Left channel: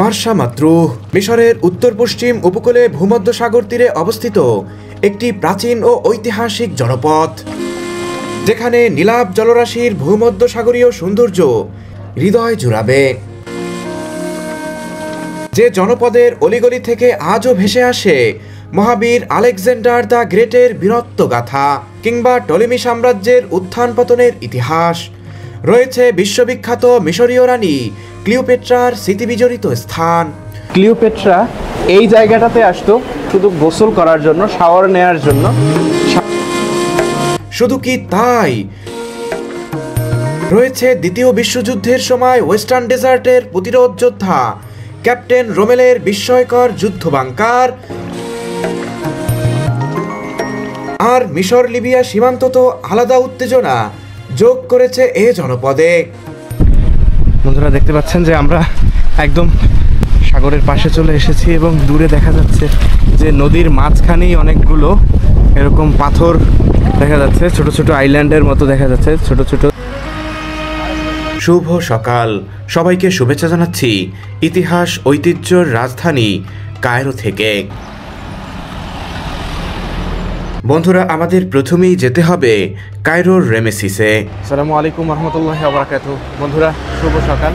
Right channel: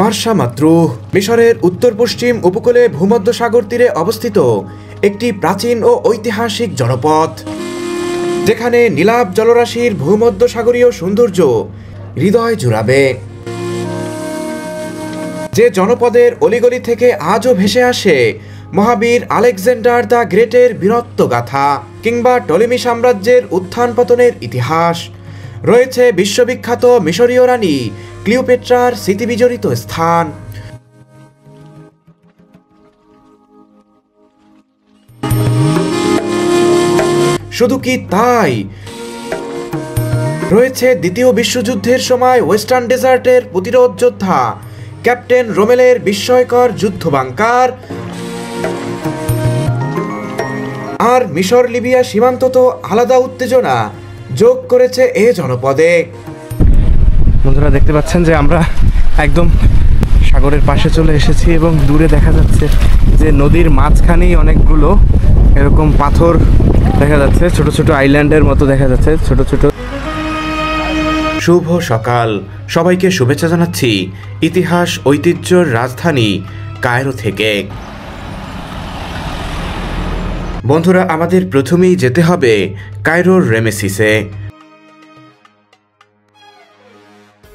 মার্সা মাত্রু মিশরের উত্তর পশ্চিম উপকূলে ভূমধ্যসাগর তীরে অবস্থিত একটি প্রাচীন ও ঐতিহাসিক জনপদ, যেখানে নীলাভ জলরাশির ভূমধ্যসাগরীয় সৌন্দর্য হৃদয় জুড়াবে। যে জনপদের অলিগলি থেকে আজও ভেসে আসে মহাবীর আলেকজান্ডার দ্য গ্রেটের বীরত্ব গাথা, কিংবা টলেমি সাম্রাজ্যের উত্থান পতনের ইতিহাস। রয়েছে বিশ্ববিখ্যাত মিশরীয় রানী ক্লিওপেট্রার স্মৃতিবিজড়িত স্থান। ক্লিওপেট্রা এই জায়গাটাতে আসতো শুধু গোসল করার জন্য, শাওয়ার নেওয়ার জন্য। শুধু কি তাই, রয়েছে দ্বিতীয় বিশ্বযুদ্ধের সময় ওয়েস্টার্ন ডেজার্টের প্রতিরোধ যোদ্ধা ক্যাপ্টেন রোমেলের বিস্ময়কর যুদ্ধ বাংকার। আর মিশর লিবিয়া সীমান্ত তো আলাদা উত্তেজনা যোগ করেছে এ জনপদে। বন্ধুরা দেখতে পাচ্ছেন যে আমরা একদম সাগরের পাশে চলে এসেছি এবং দূরে দেখা যাচ্ছে যে নদীর মাঝখানেই অনেকগুলো এরকম পাথর দেখা যাচ্ছে, ছোট ছোট আইল্যান্ডের মতো দেখা যাচ্ছে, ছোট ছোট। শুভ সকাল, সবাইকে শুভেচ্ছা জানাচ্ছি ইতিহাস ঐতিহ্যর রাজধানী কায়রো থেকে। বন্ধুরা, আমাদের প্রথমেই যেতে হবে কায়রোর রেমেসিসে। আসসালামু আলাইকুম রহমতুল্লাহি ওয়া বারাকাতুহু। বন্ধুরা শুভ সকাল,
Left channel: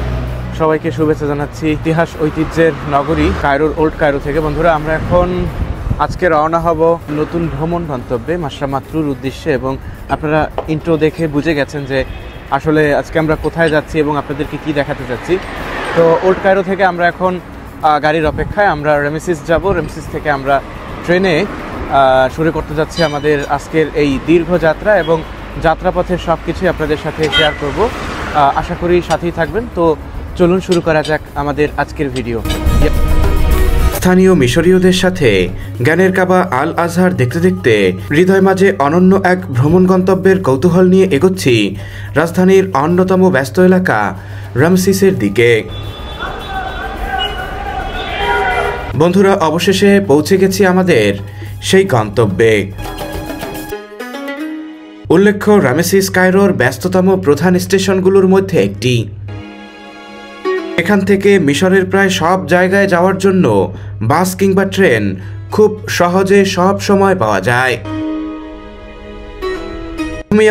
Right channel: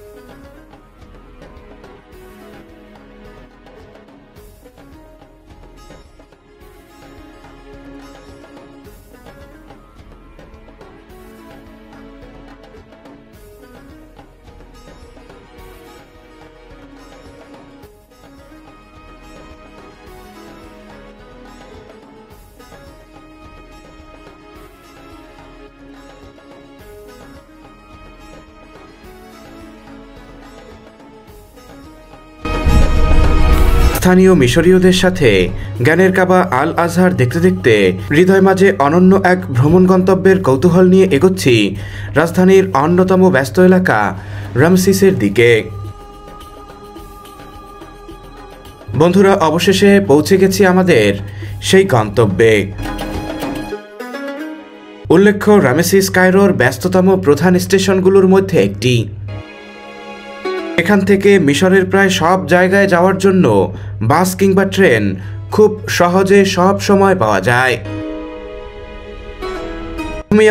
সবাইকে শুভেচ্ছা জানাচ্ছি ইতিহাস ঐতিহ্যের নগরী কায়রোর ওল্ড কায়রো থেকে। বন্ধুরা আমরা এখন আজকে রওনা হব নতুন ভ্রমণ গন্তব্যে মার্সা মাত্রুর উদ্দেশ্যে, এবং আপনারা ইন্ট্রো দেখে বুঝে গেছেন যে আসলে আজকে আমরা কোথায় যাচ্ছি এবং আপনাদেরকে কি দেখাতে যাচ্ছি। তো ওল্ড কায়রো থেকে আমরা এখন গাড়ির অপেক্ষায় আমরা রেমেসিস যাব। রেমেসিস থেকে আমরা ট্রেনে শুরু করতে যাচ্ছি আমাদের আজকের এই দীর্ঘ যাত্রা, এবং যাত্রাপথের সব কিছুই আপনাদের সাথে শেয়ার করব। আশা করি সাথেই থাকবেন। তো চলুন শুরু করা যাক আমাদের আজকের ভিডিও। স্থানীয় মিশরীয়দের সাথে জ্ঞানের কাবা আল আজহার দেখতে দেখতে হৃদয় মাঝে অনন্য এক ভ্রমণ গন্তব্যের কৌতূহল নিয়ে এগোচ্ছি রাজধানীর অন্যতম ব্যস্ত এলাকা রামসিসের দিকে। বন্ধুরা, অবশেষে পৌঁছে গেছি আমাদের সেই গন্তব্যে। উল্লেখ্য, রামেসিস কায়রোর ব্যস্ততম প্রধান স্টেশনগুলোর মধ্যে একটি। এখান থেকে মিশরের প্রায় সব জায়গায় যাওয়ার জন্য বাস কিংবা ট্রেন খুব সহজে সব সময় পাওয়া যায়।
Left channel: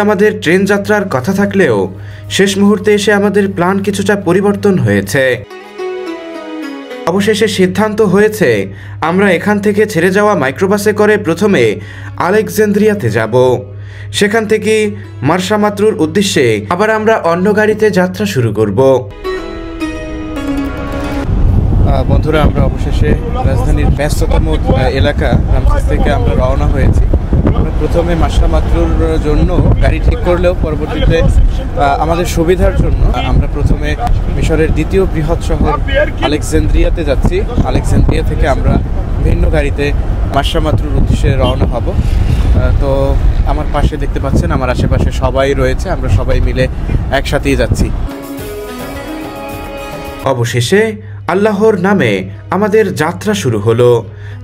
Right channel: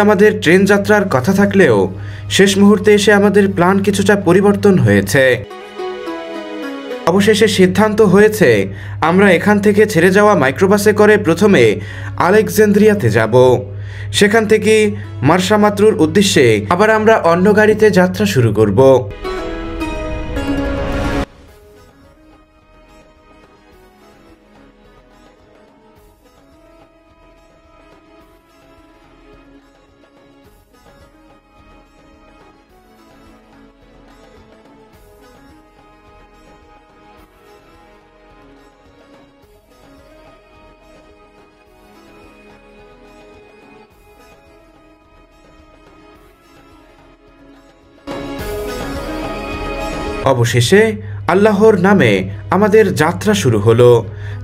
আমাদের ট্রেন যাত্রার কথা থাকলেও শেষ মুহূর্তে এসে আমাদের প্ল্যান কিছুটা পরিবর্তন হয়েছে। অবশেষে সিদ্ধান্ত হয়েছে আমরা এখান থেকে ছেড়ে যাওয়া মাইক্রোবাসে করে প্রথমে আলেকজান্দ্রিয়াতে যাব, সেখান থেকে মার্সা মাত্রুর উদ্দেশ্যে আবার আমরা অন্য গাড়িতে যাত্রা শুরু করব। বন্ধুরা আমরা অবশেষে রাজধানীর ব্যস্ততম এলাকা রামসিস থেকে আমরা রওনা হয়েছি। আমরা প্রথমে মার্সা মাত্রুর জন্য গাড়ি ঠিক করলেও পরবর্তীতে আমাদের সুবিধার জন্য আমরা প্রথমে মিশরের দ্বিতীয় বৃহৎ শহর আলেকজান্দ্রিয়াতে যাচ্ছি। আলেকজান্দ্রিয়া থেকে আমরা ভিন্ন গাড়িতে মার্সা মাত্রুর উদ্দেশ্যে রওনা হব। তো আমার পাশে দেখতে পাচ্ছেন আমার আশেপাশে সবাই রয়েছে, আমরা সবাই মিলে একসাথেই যাচ্ছি। অবশেষে আল্লাহর নামে আমাদের যাত্রা শুরু হলো।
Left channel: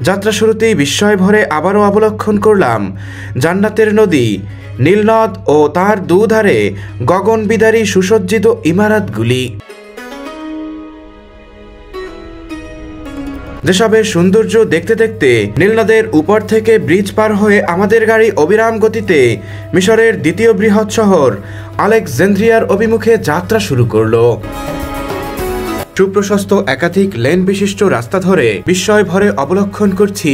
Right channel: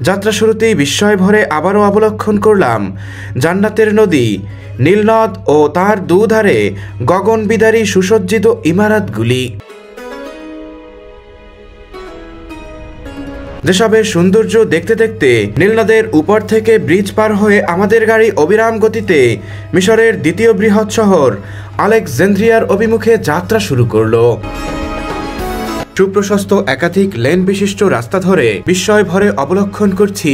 যাত্রা শুরুতেই বিস্ময় ভরে আবারও অবলোকন করলাম জান্নাতের নদী নীলনদ ও তার দুধারে গগনবিদারী সুসজ্জিত ইমারতগুলি। যেসবের সৌন্দর্য দেখতে দেখতে নীলনদের উপর থেকে ব্রিজ পার হয়ে আমাদের গাড়ি অবিরাম গতিতে মিশরের দ্বিতীয় বৃহৎ শহর আলেকজান্দ্রিয়ার অভিমুখে যাত্রা শুরু করলো। সুপ্রশস্ত একাধিক লেন বিশিষ্ট রাস্তা ধরে বিস্ময় ভরে অবলোকন করছি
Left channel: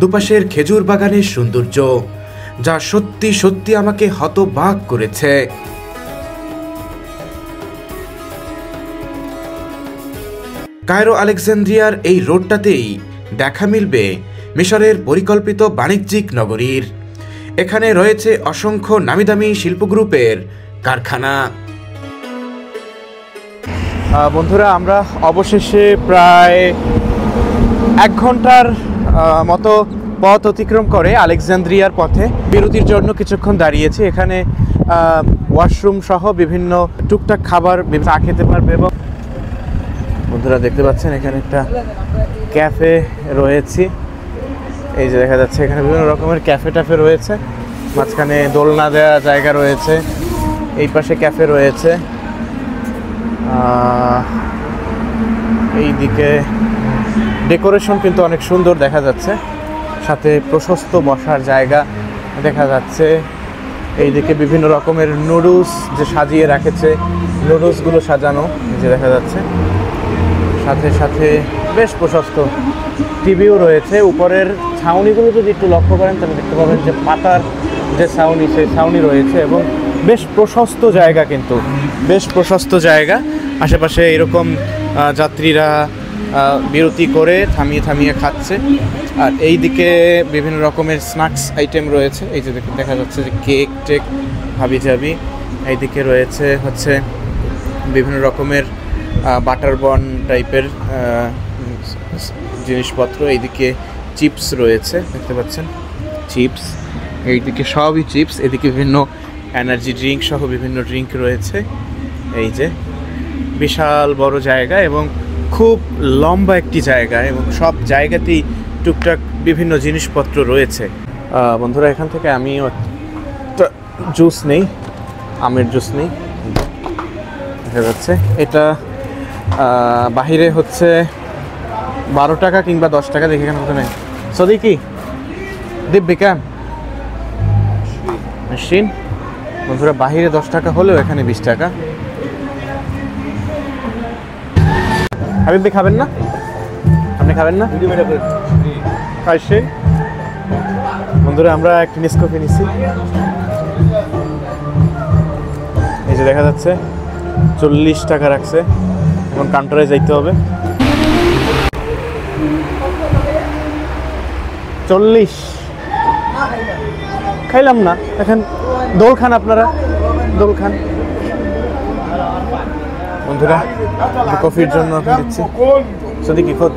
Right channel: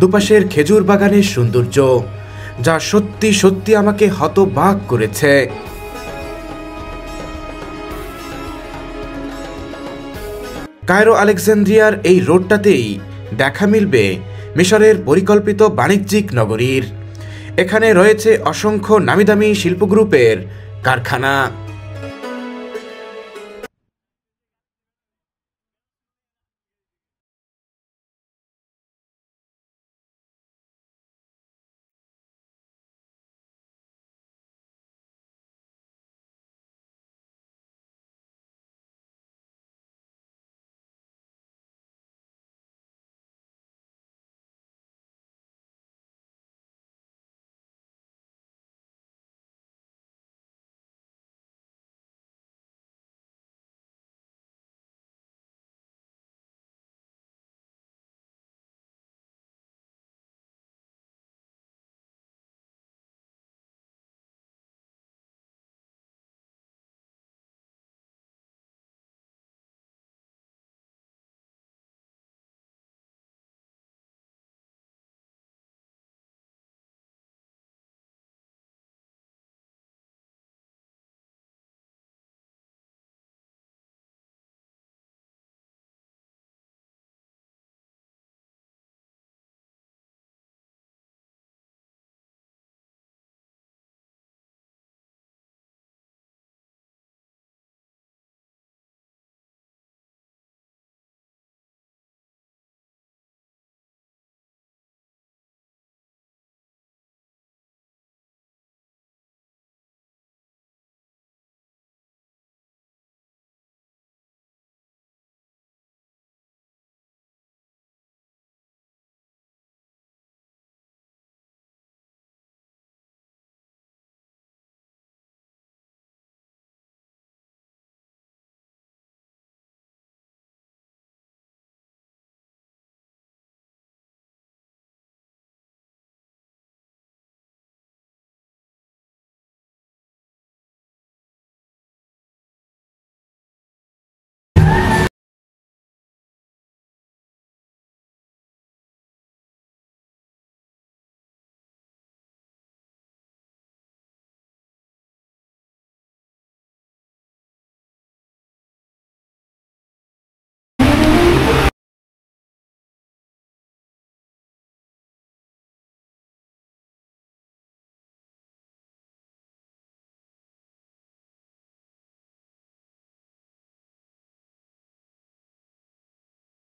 দুপাশের খেজুর বাগানের সৌন্দর্য, যা সত্যি সত্যি আমাকে হতবাক করেছে। কায়রো আলেকজান্দ্রিয়ার এই রোডটাতেই দেখা মিলবে মিশরের পরিকল্পিত বাণিজ্যিক নগরীর। এখানে রয়েছে অসংখ্য নামিদামি শিল্প গ্রুপের কারখানা। বন্ধুরা আমরা অবশেষে প্রায় 1 ঘন্টার মতো পথ অতিক্রম করে আলেকজান্দ্রিয়ার পথে বিরতির জন্য কিছুক্ষণ দাঁড়িয়েছি। এখানে ওয়াশরুম সহ বিভিন্ন টুকটাক খাবার চা খেতে পারবে। এবং বন্ধুরা দেখতে পাচ্ছেন এখানে একটা ক্যাফে রয়েছে, এই যে দেখা যাচ্ছে এখানে বিভিন্ন রকমের ক্যাফে ট্যাফে রয়েছে। মাঝখানে দোলনা দেওয়া জায়গা রয়েছে, এই পাশে ক্যাফে রয়েছে। এই এইদিকে ডেকোরেশন কিন্তু অনেক সুন্দর দেখা যাচ্ছে, সাথে প্রশস্ত বসার জায়গা দেখা যাচ্ছে। এইদিকে বিভিন্ন রকমের নুডলস যে সাজিয়ে রেখেছে, নুডলসগুলো সাজানো যে দেখা যাচ্ছে, সাথে সাথে বেশ প্রশস্ত টিভিও রয়েছে। উপরের ছাউনিগুলো যদি একটু লক্ষ্য করেন তাহলে দেখতে পাবেন যে পাতার যে ছাউনি, সেই ছাউনি রয়েছে এবং বেশ প্রশস্ত জায়গা, কিন্তু বেশ প্রশস্ত জায়গা। আশেপাশে এরকম যাত্রীরা বিরতি করে থামিয়ে থামিয়ে খাচ্ছে। আর এই দিকে বিভিন্ন রকমের স্ন্যাক্স আইটেম রয়েছে, এই যে দেখা যাচ্ছে যে কেক টেক হাবিজাবি। এইদিকে রয়েছে হচ্ছে বিভিন্ন রকমের বাটার বন টাইপের জিনিসপত্র। এইদিকে চিপস রয়েছে, দেখতে পাচ্ছেন চিপস, এইদিকে সবই চিপস। এদিকে বিভিন্ন এনার্জি ড্রিঙ্ক সহ বিভিন্ন ড্রিঙ্ক রয়েছে। এই যে বিশাল বড় জায়গা এবং খুব লম্বা একটি জায়গা, এবং সব জায়গাতেই টুকটাক বিভিন্ন জিনিসপত্র রয়েছে। বন্ধুরা, এখান থেকে আমিও একটা জুস নেই, আমের জুস নেই, দেখা যাচ্ছে। এটা বাহিরে হচ্ছে 12 টাকা কিংবা 10 টাকা, দেখে কেন মতো নেই। সদিকি দিব্যি ক্যাম মেশিন। বন্ধুরা, বাহিরে 10 টাকা হলেও এখানে 20 টাকা। হাবিব ভাই খাবেন না? আপনি খাবেন না? খাইছেন? বন্ধুরা, আমরা একটা নেসকফি নিচ্ছি। এই যে দেখা যাচ্ছে 40 টাকা রাখছে, এখন কাউন্টারে যাইতে হবে। 40 খাইলাম না, এখন দোল খান, আপনারা দোল খান। বন্ধুরা, কফির জন্য এখন দিচ্ছি। সদিকি খোদ।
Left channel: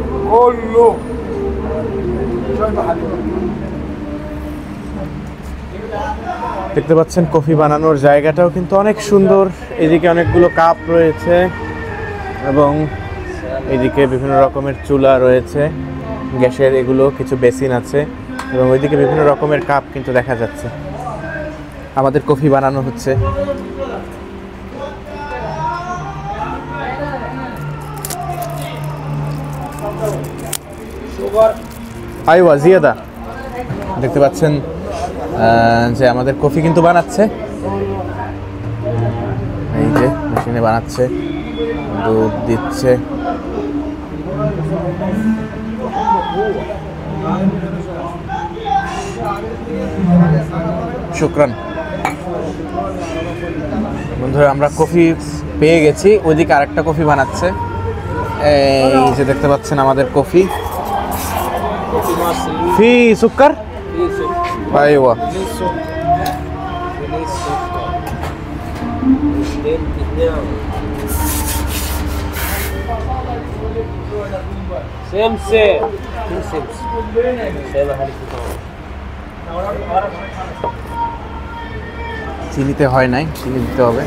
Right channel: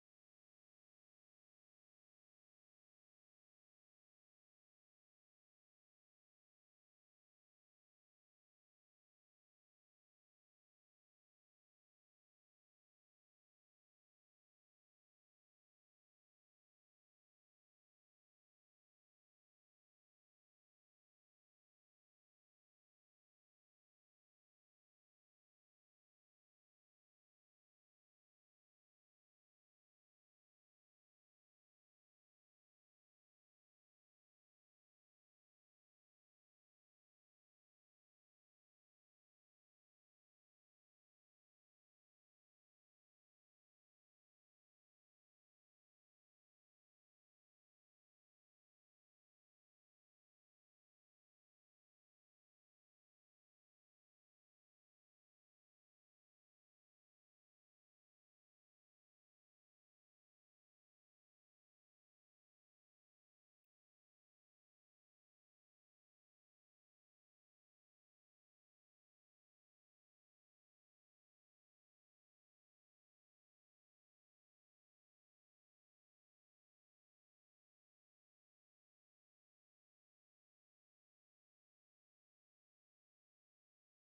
দেখতে পাচ্ছেন কফি বানানোর জায়গাটাও কিন্তু অনেক সুন্দর। এদিকে অনেকগুলো কাপ রয়েছে এবং এদিকে বিভিন্ন রকমের চুলা রয়েছে গ্যাসের, এগুলো কিছু বেসিন আছে এবং ওইদিকে বিভিন্ন রকমের কাপ কিন্তু দেখা যাচ্ছে। আমাদের কফি বানানো হচ্ছে। আইওয়া জিয়াদা, দেখতে পাচ্ছেন যে আমাদের কফি কিন্তু বানাচ্ছে। এই যে মেশিনে বানাচ্ছে, দুধ দিচ্ছে। শুকরান। বন্ধুরা, আমরা কফি পেয়ে গেছি, ওইদিকে আরেকটা কফি বানাচ্ছে। এই যে দেখতে পাচ্ছেন আমাদের কফি। ফি সুক্কার? আইওয়া। চিনিতে হয় নাই, চিনি দিতে হবে।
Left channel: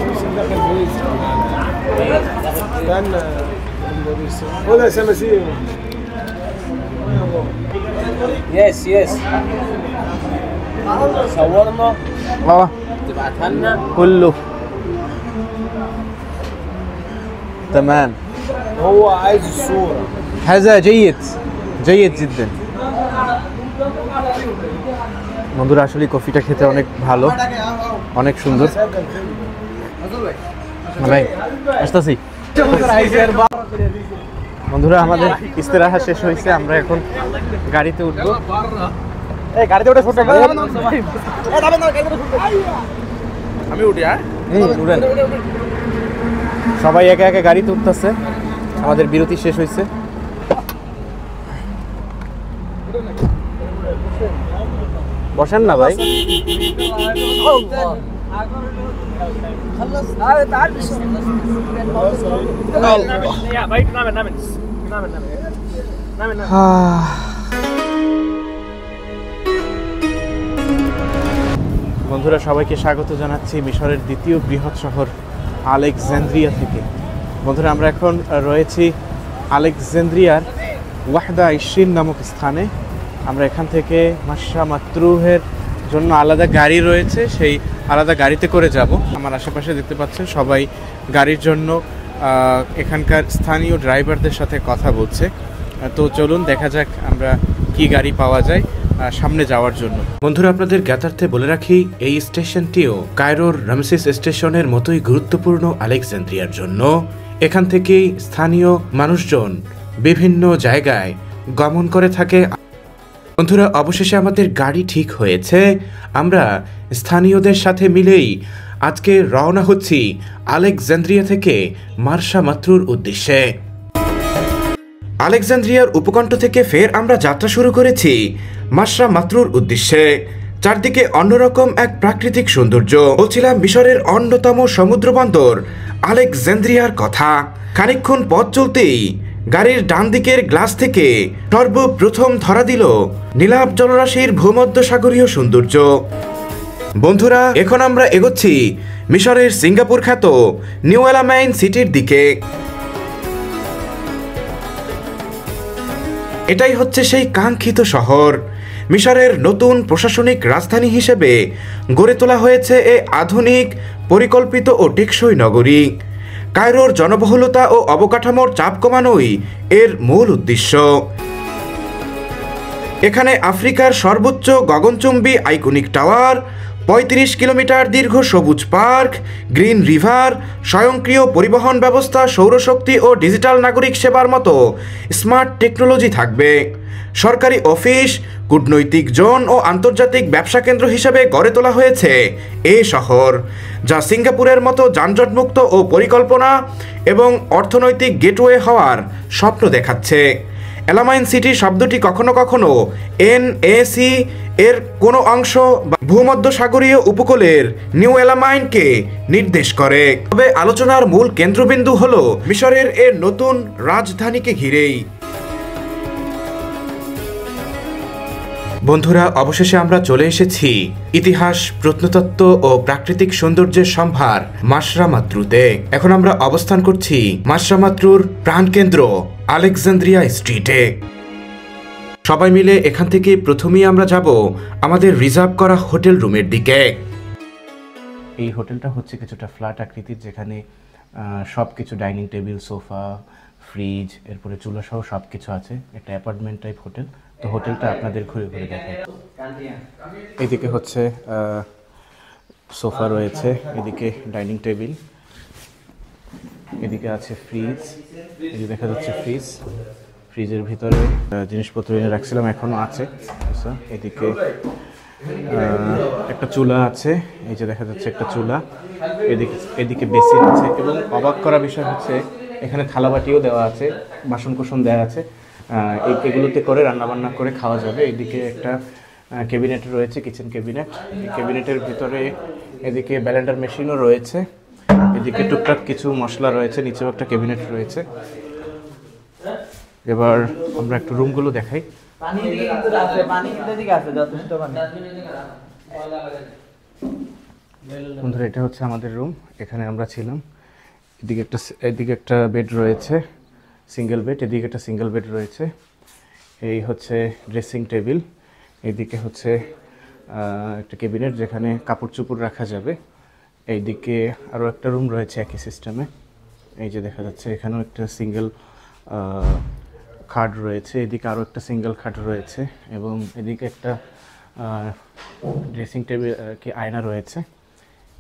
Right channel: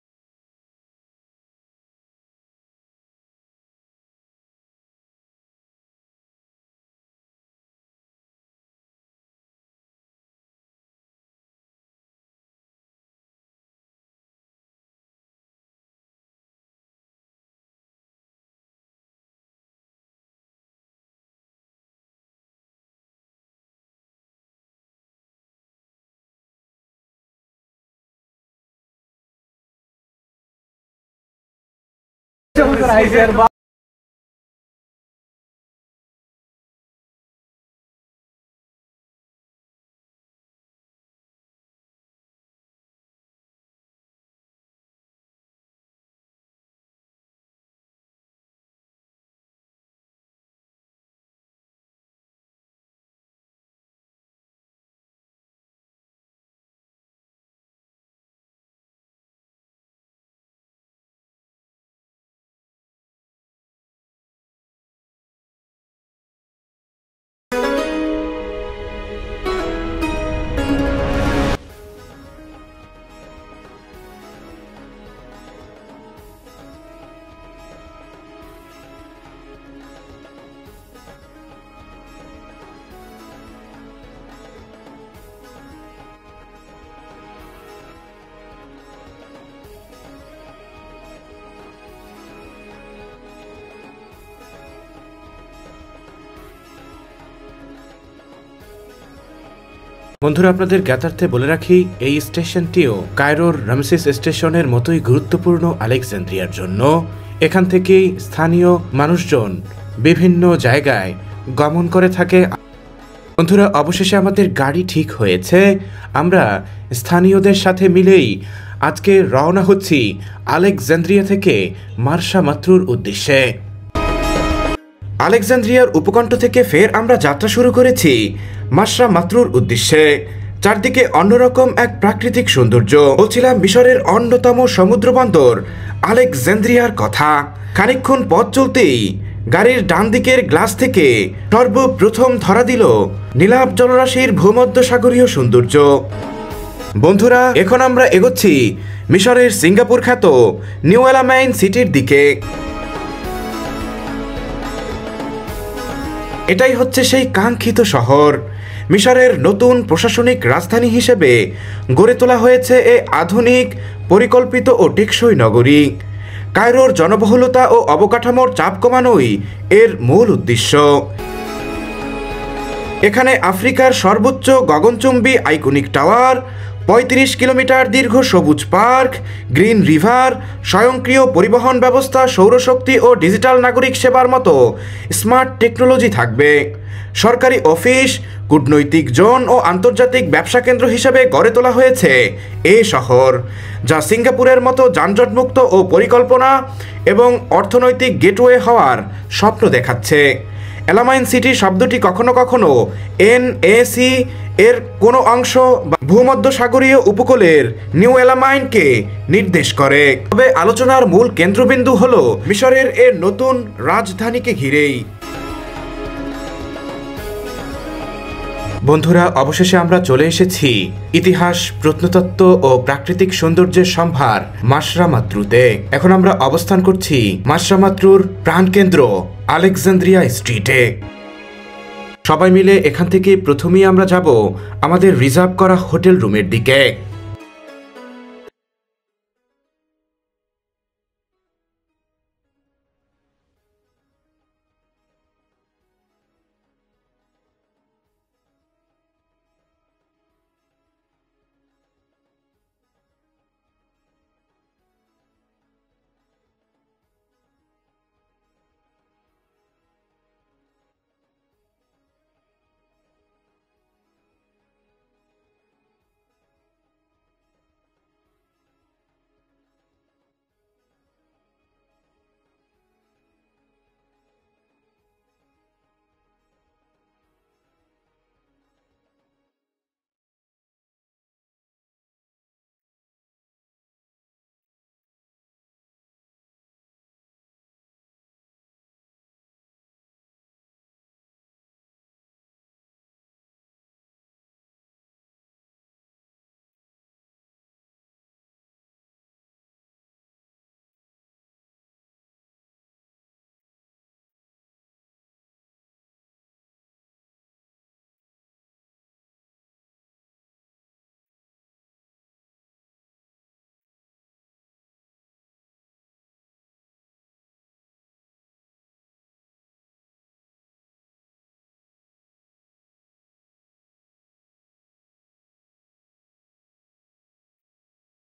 يس يس صورنا تبعتها لنا كله تمام. هو عايز الصورة. هذا جيد جيد جدا. বন্ধুরা, আসলে কফিটা খেতে অনেক ভালো, অনেক সুন্দর। ভাই আসতেছি। বন্ধুরা, আমাদের ইস্তেরাহা শেষ হয়েছে, আমরা এখন গাড়িতে উঠবো। এই গাড়িতে উঠে ফটো আমি উঠি। উঠেন সবাই, একে একে গাড়িতে উঠতেছে। আমাদের বিরতি শেষ হয়েছে। বসেন না ভাই। خلص تعال يا بيت نعمل বন্ধুরা, সবাইকে স্বাগত জানাচ্ছি মিশরের দ্বিতীয় বৃহৎ শহর আলেকজান্দ্রিয়া থেকে। বন্ধুরা, আমরা এখন রয়েছি আলেকজান্দ্রিয়ার ওয়াহদা আইশিন নামক স্থানে। আমরা এখান থেকে মাশা মাতরুহের জন্য আলাদা গাড়ি রয়েছে, সেই আলাদা গাড়িতে করে যাব। আমার আশেপাশে দেখতে পাচ্ছেন সবাই গাড়ির জন্য এখানকার স্থানীয় ড্রাইভারদের সাথে কথা বলছে। তো চলুন দেখা যাক আমরা কি গাড়ি পাওয়া যায় সামনে যাওয়ার জন্য। বন্ধুরা, আপনাদের জ্ঞাতার্থে বলে রাখি, এই স্টেশনটিও কায়রোর রামসেস স্টেশনের মতোই গুরুত্বপূর্ণ আলেকজান্দ্রিয়ার জন্য। এখান থেকেই স্থানীয় মানুষজন বিভিন্ন জায়গায় গমন করে থাকে। বন্ধুরা, অবশেষে আমাদের গাড়ি ঠিক হয়েছে। আমরা স্থানীয়দের সাথে মিলেই আজকে রওনা হচ্ছি আলেকজান্দ্রিয়া থেকে মার্সা মাত্রুর উদ্দেশ্যে। আলেকজান্দ্রিয়ার উপকণ্ঠ থেকে ফের আমরা যাত্রা শুরু করেছি মার্সা মাত্রুর উদ্দেশ্যে। চারদিকে অন্যরকম এক প্রাকৃতিক সৌন্দর্য। বলছিলাম মিশরের অন্যতম সমুদ্র বন্দর আলেকজান্দ্রিয়ার কথা। খানিকক্ষণ পথ চলতেই গাড়ির ডান দিকের গ্লাস থেকে সর্বপ্রথম ধরা দিল নীলাভ জলরাশির ভূমধ্যসাগরীয় সৌন্দর্য। বন্ধুরা, এখন আমরা এগোচ্ছি মিশরের সিঙ্গাপুর খ্যাত নিউ এলামাইন সিটির দিকে। এটাই হচ্ছে সেই কাঙ্ক্ষিত শহর। মিশরের নতুন প্রশাসনিক রাজধানী হিসেবে গড়ে তোলা হয়েছে এই আধুনিক, পরিকল্পিত ও টেকসই নগরী। কায়রোর জনবহুলতা ও অবকাঠামোর চাপ কমানোই এর মূল উদ্দেশ্য। এখানে আফ্রিকার সর্বোচ্চ গগনচুম্বী আইকনিক টাওয়ার, ৩৫ কিলোমিটার দীর্ঘ সবুজ পার্ক, গ্রিন রিভার, স্বয়ংক্রিয় পরিবহন ব্যবস্থা, সৌরশক্তি ও ডিজিটাল নাগরিক সেবার মতো স্মার্ট টেকনোলজি থাকবে। সরকারি অফিস, কূটনৈতিক জোন ও আন্তর্জাতিক ব্যবসা কেন্দ্র হিসেবে গড়ে তোলা হয়েছে এই শহর, যা সিঙ্গাপুরের মতো যানজটমুক্ত ও পরিকল্পনা এবং অর্থনৈতিক গেটওয়ে হওয়ার স্বপ্ন দেখাচ্ছে। এলামাইন সিটি শব্দটি কখনো কখনো NAC এর কোনো অংশ বা ভূমধ্যসাগরীয় উপকূলের নিউ এলামাইনকে নির্দেশ করে। তবে আলোচনার মূল কেন্দ্রবিন্দু হল মিশরের এর নতুন রাজধানীকে ঘিরেই। বন্ধুরা, অবশেষে আমরা চলে এসেছি ইতিহাস, প্রত্নতত্ত্ব ও প্রাকৃতিক সৌন্দর্যের সম্ভার মার্সা মাত্রুতে। এখন আমরা অবস্থান করছি মার্সা মাত্রুর প্রাণকেন্দ্র আলেকজান্দ্রিয়া স্ট্রিটে। সবাই মিলে এখান থেকে প্রথমেই আমরা যাব আমাদের রিজার্ভ করা হোটেল রুমের দিকে। এই হোটেলটা হচ্ছে কিছুটা ফ্ল্যাট আকৃতির, যেখানে সব কিছু ডাইনিং টেবিল, সোফা, ফ্রিজ, এরপরে চুলা সহ সব কিছু আছে। একটা অ্যাপার্টমেন্ট টাইপ হোটেল। তো হোটেলটা আপনাদের ঘুরে ঘুরে দেখায়। এদিকে হচ্ছে সোফা রয়েছে, এদিকে ডাইনিং টেবিল, এদিকে আছে ফ্রিজ, এদিকে দেখা যাচ্ছে ফ্রিজের ভিতরে জিনিসপত্র এনে রাখছিলাম, এখনো আছে। এদিকে একটা চুলা আছে, এই যে দেখা যাচ্ছে একটা চুলা, এদিকে বেসিন আছে। এবং অবাক করা বিষয় হচ্ছে এখানে থালাবাটিও দেওয়া আছে, বাসনকোসন দেওয়া আছে। এগুলোতে করে রান্নাবান্না করে খাওয়া যাবে। এদিকে একটা ক্যাবিনেট রয়েছে, কিচেন ক্যাবিনেট। এই ক্যাবিনেটের ভিতরে এদিকে ব্লেন্ডার মেশিনও রয়েছে, এদিকে টুকটাক কিছু মশলা রয়েছে, নিচেও একটা ক্যাবিনেট রয়েছে। এবার আমরা একটু রুমগুলো দেখাই। বন্ধুরা, এটা হচ্ছে আমাদের রুম, এখানে আমরা ছিলাম। এদিকে একটা বেড রয়েছে, সিঙ্গেল বেড, এদিকে একটা সিঙ্গেল বেড রয়েছে। এই হচ্ছে ড্রেসিং টেবিল, এদিকে হচ্ছে একটা ক্যাবিনেট যেখানে কাপড় চোপড় রাখা যাবে। এইদিকে আরও একটা রুম রয়েছে একই সিস্টেমে, এই যে দেখা যাচ্ছে এখানেও একটা সিঙ্গেল খাট রয়েছে, এদিকে আরও একটা সিঙ্গেল খাট রয়েছে এবং এদিকে একটা ড্রেসিং টেবিল কি আয়না রয়েছে।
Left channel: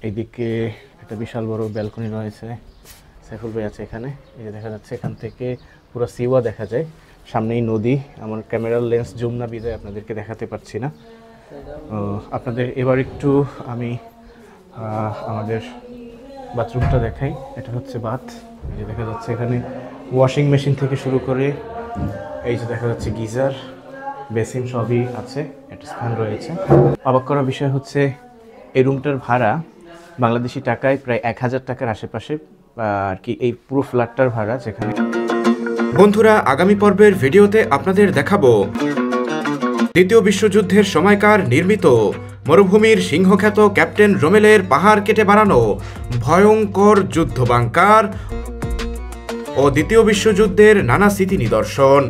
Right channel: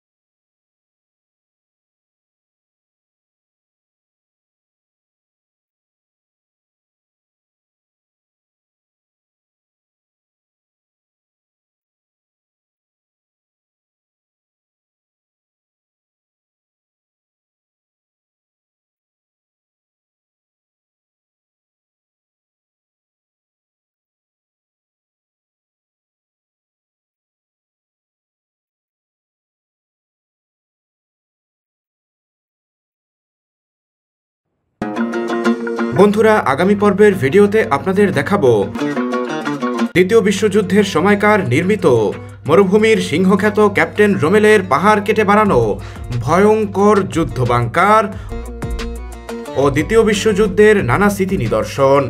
এইদিকে একটা বিশাল বড় ব্যালকনি রয়েছে, সাইফুল ভাই আছে এখানে, এই যে দেখা যাচ্ছে এখান থেকে পুরো সিওয়া দেখা যায়, সামনেই নদী। আমার ক্যামেরার লেন্স জুম না বিদায় আপনাদেরকে দেখাতে পারছি না। আপনাদের এবার একটু আমি আমাদের বাথরুমটা দেখাই। এটা হচ্ছে বাথ, এই যে দেখা যাচ্ছে এখানে ওয়াশিং মেশিন থেকে শুরু করে এই যে দেখা যাচ্ছে গিজার, বেসিন সবই আছে, একটা স্থান রয়েছে। অবাক করার বিষয় হচ্ছে এই রুমটার ভাড়া বাংলাদেশি টাকায় প্রায় 1000 টাকার আশেপাশে আর কি, এই পুরো ফ্ল্যাটটার ভাড়া। যেখানে বন্ধুরা, আগামী পর্বের ভিডিওতে আপনাদের দেখাবো দ্বিতীয় বিশ্বযুদ্ধের সময়কার নির্মিত মরুভূমির সিংহখ্যাত ক্যাপ্টেন রোমেলের পাহাড় কেটে বানানো ভয়ঙ্কর যুদ্ধ বাংকার ও দ্বিতীয় বিশ্বযুদ্ধের নানা স্মৃতি নিদর্শন।